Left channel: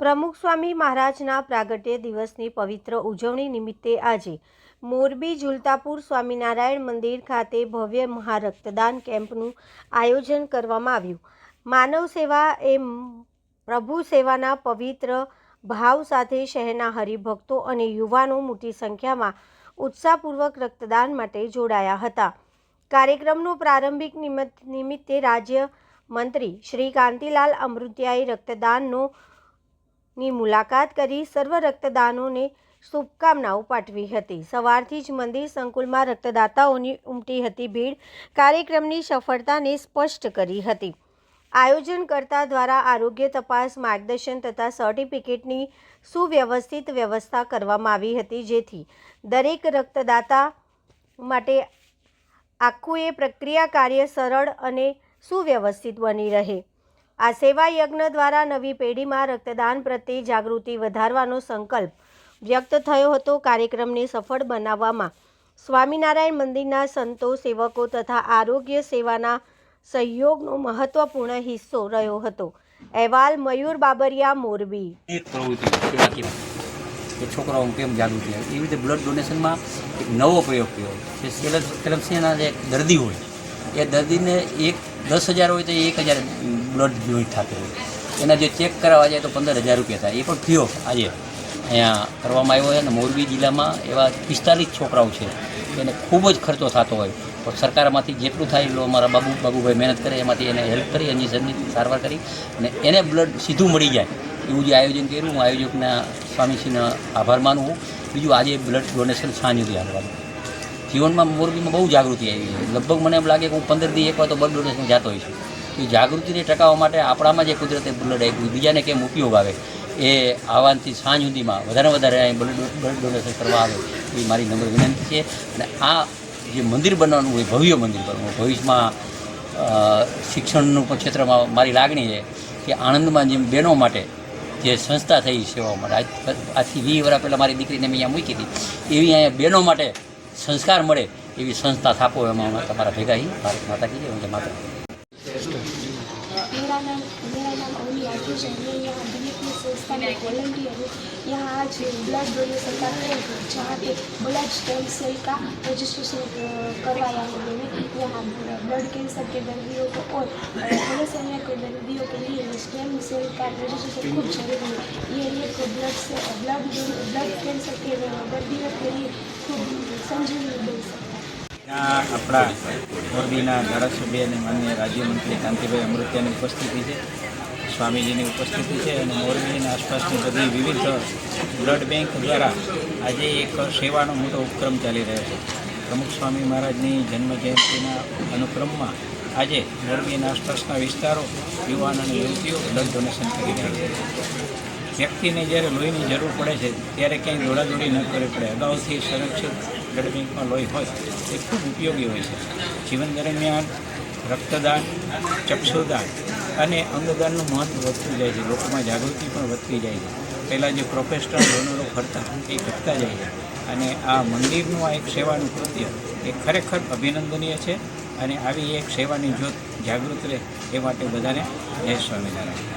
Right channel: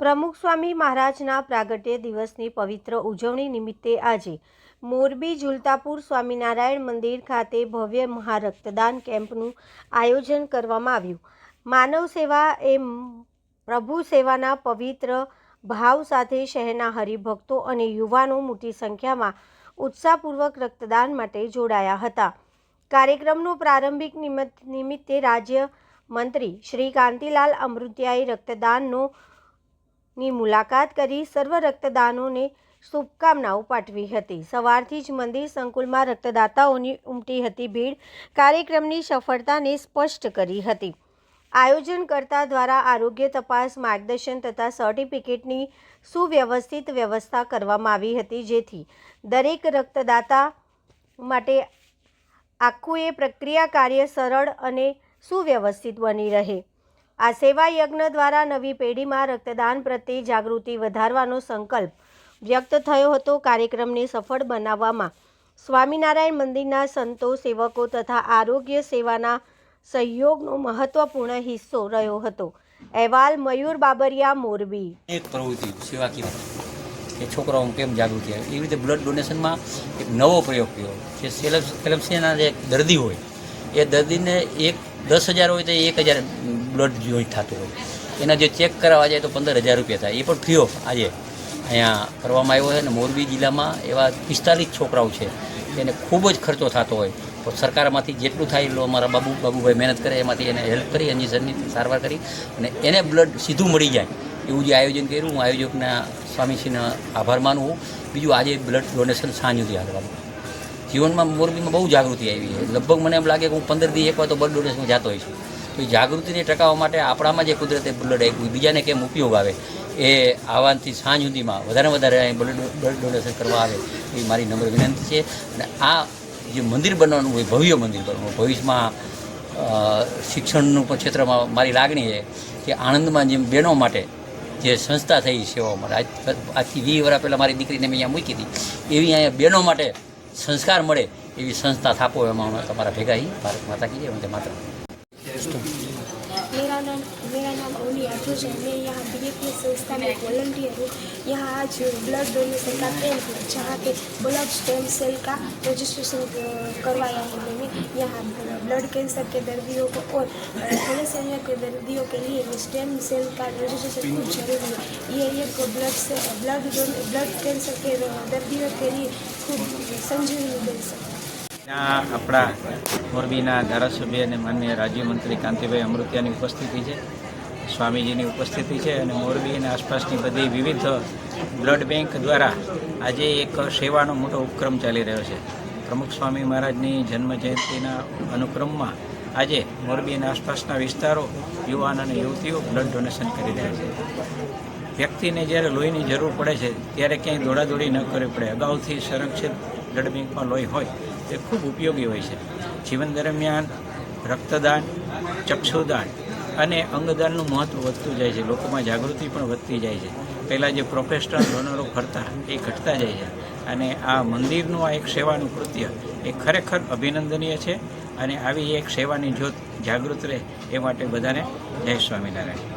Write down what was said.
પ્રમુખ સ્વામી મહારાજના પ્રાગટ્ય દિવસની પવિત્ર ઉજવણી નિમિત્તે આજે મોરબી ઝુલતાપુર સ્વામિનારાયણ મંદિર ખાતે ભવ્ય મહારક્તદાન કેમ્પનું આયોજન કરવામાં આવ્યું। માનવ સેવા એ પ્રભુ સેવાના પવિત્ર ભાવ સાથે શહેરના હરિભક્તો અને યુવાનો મોટી સંખ્યામાં ઉત્સાહપૂર્વક રક્તદાન માટે જોડાયા હતા। કાર્યક્રમનો પ્રારંભિક નિમિત્તે રાજ્ય મંત્રી શ્રી કાંતિલાલ અમૃતિયાએ રક્તદાનની મુલાકાત કરી સર્વ રક્તદાનોને શુભકામનાઓ પાઠવી હતી। સવારથી જ મંદિર સંકુલમાં રક્તદાતાઓની ઉમટી હતી ભીડ કાર્યક્રમની સફળતાને સ્પષ્ટ કરી હતી। આયોજનકર્તા દ્વારા આરોગ્ય તપાસ, માર્ગદર્શન તથા સર્ટિફિકેટની સુવ્યવસ્થિત વ્યવસ્થા કરવામાં આવી હતી, જેથી દરેક રક્તદાતા માટે આખું એ પ્રક્રિયા કાર્ય સરળ અને સુવ્યવસ્થિત બની રહે। આ સેવા યજ્ઞ દ્વારા નવી પેઢીમાં રક્તદાન પ્રત્યે જાગૃતિ વધારવાનો સંકલ્પ વ્યક્ત થયો હતો। કાર્યક્રમને સફળ બનાવવામાં સ્વામિનારાયણ મંદિરના સંતો, સેવકો તથા આરોગ્ય સેવાના સહયોગનો મહત્વપૂર્ણ હિસ્સો રહ્યો હતો। અહેવાલ મયુર બાબરિયા, મોરબી। એક પ્રવૃત્તિ કે છોકરાઓનું કેમ જાગૃતિ આવે એવી રીતે બ્લડ ડોનેશનમાં એક નવો પ્રયોગ કર્યો કે થેલેસેમિયાના જે દર્દી હોય એ દર્દીને 10,000 હોય તો 1,000 બ્લડ જોઈન્ટ થતું હોય, એના જે ચેક કરાવવા જાય તો 15,000 રૂપિયા થાય, એ પણ ફ્રી ઓફ આજે અહીંયા કરવામાં આવ્યો છે। અને મોરબી જિલ્લામાં એવા 45 છોકરાઓ છે એને ખૂબ જ ખર્ચો થતો હોય તો સરકારમાંથી જેટલું થાય એટલું અમારા બાબુભાઈ મહેનત કરે, એમાંથી એને હેલ્પ કરી, ઇન્જેક્શનની સારવાર કરી અને એને બ્લડ સીધું મળી જાય એવું જે આયોજન કર્યું, હું આયોજકના સ્વામીશ્રીનો આભાર માનું છું। બીજું આજે બ્લડ ડોનેશન સાંજ સુધી હાલવાનું જીવનમાં મોરબીમાં બહુ જાગૃતિ આવી છે। લગભગ મને એમ લાગે કે હું 15 દી એકવાર તો બ્લડ ડોનેશન જતો હોય છું। તો એ જાગૃતિને ટકાવવા માટે આપણામાં જે કુદરતે બ્લડ આપ્યું બીજાને કેમ ઉપયોગ આવે એ આવવાથી સાંજ સુધીમાં વધારે અહીં બ્લડ ડોનેશન કરવા આવે એ મારી નમ્ર વિનંતી છે। અને આ જે મંદિર બનવાનું હોય, ભવ્ય મંદિર બનવાનું, ભવિષ્યમાં શિક્ષણનું પણ ક્ષેત્રમાં મારી લાગણી છે કે આણંદમાં જેમ બહેનો માટે જે સંસ્થા થઈ સેવાઓ માટે આજથી 20 વર્ષ પહેલાં મારી દીકરીને મેં અહીંયા મૂકી હતી, એવી અહીંયા બહેનો માટે સંસ્કાર મળે એવી સંસ્થા થાપો, એમાં તમારા ભેગા ही ભારત माता की जय, वंदे मातरम। मेरा नाम ओनी आतिश है। मैं यहाँ बीएपी संस्था में वॉलंटियर हूँ। यहाँ आज ब्लड डोनेशन का कैंप जहाँ पे ब्लड स्टेम सेल का रजिस्ट्रेशन करवाया है हमने। यहाँ ब्लड कैंसर के दर्दियों को और थैलेसेमिया के दर्दियों के लिए स्टेम सेल का रजिस्ट्रेशन खूब जरूरी है। ये एक ब्लड कैंसर के दर्दियों के लिए खूब संजीवनी बन सकती है। આપણા મોરબીના ધારાસભ્ય અને માન્ય રાજ્યમંત્રી કાંતિભાઈ અમૃતિયાની ઉપસ્થિતિ છે, સ્વામીજીની ઉપસ્થિતિ છે અને મોરબીના આસપાસની બધી વિવિધ બ્લડ બેંક દ્વારા આજે એક સેવાનો મોટો ઉપક્રમ ચાલી રહ્યો છે। પ્રમુખ સ્વામી મહારાજની જન્મજયંતિના અનુક્રમમાં આજે મોરબીના આસપાસના વિસ્તારો, યુવાન અને યુવતીઓ બ્લડ ડોનેશન કરી રહ્યા છે। વ્યક્તિને જ્યારે લોહીની જરૂર પડે છે ત્યારે ક્યાંય દોડાદોડી ન કરવી પડે, અગાઉથી સંરક્ષિત બ્લડ બેંકમાં લોહી હોય એ ખૂબ ઉપયોગી હોય છે। જીવન દરમિયાન રક્તદાન, ચક્ષુદાન અને અંગદાનનું મહત્ત્વ વધતું જાય છે, લોકોમાં જાગૃતિ પણ વધતી જાય છે। પહેલાં જે પ્રોફેશનલ ડોનરો ફરતા એ ઘટતા જાય છે અને આ મંદિરનું આ એક સેવાનું કૃત્ય એ ખરેખર અભિનંદનીય છે અને આવી એક સેવાની જ્યોત જાગૃત રહે એ માટે બધાને જય સ્વામિનારાયણ।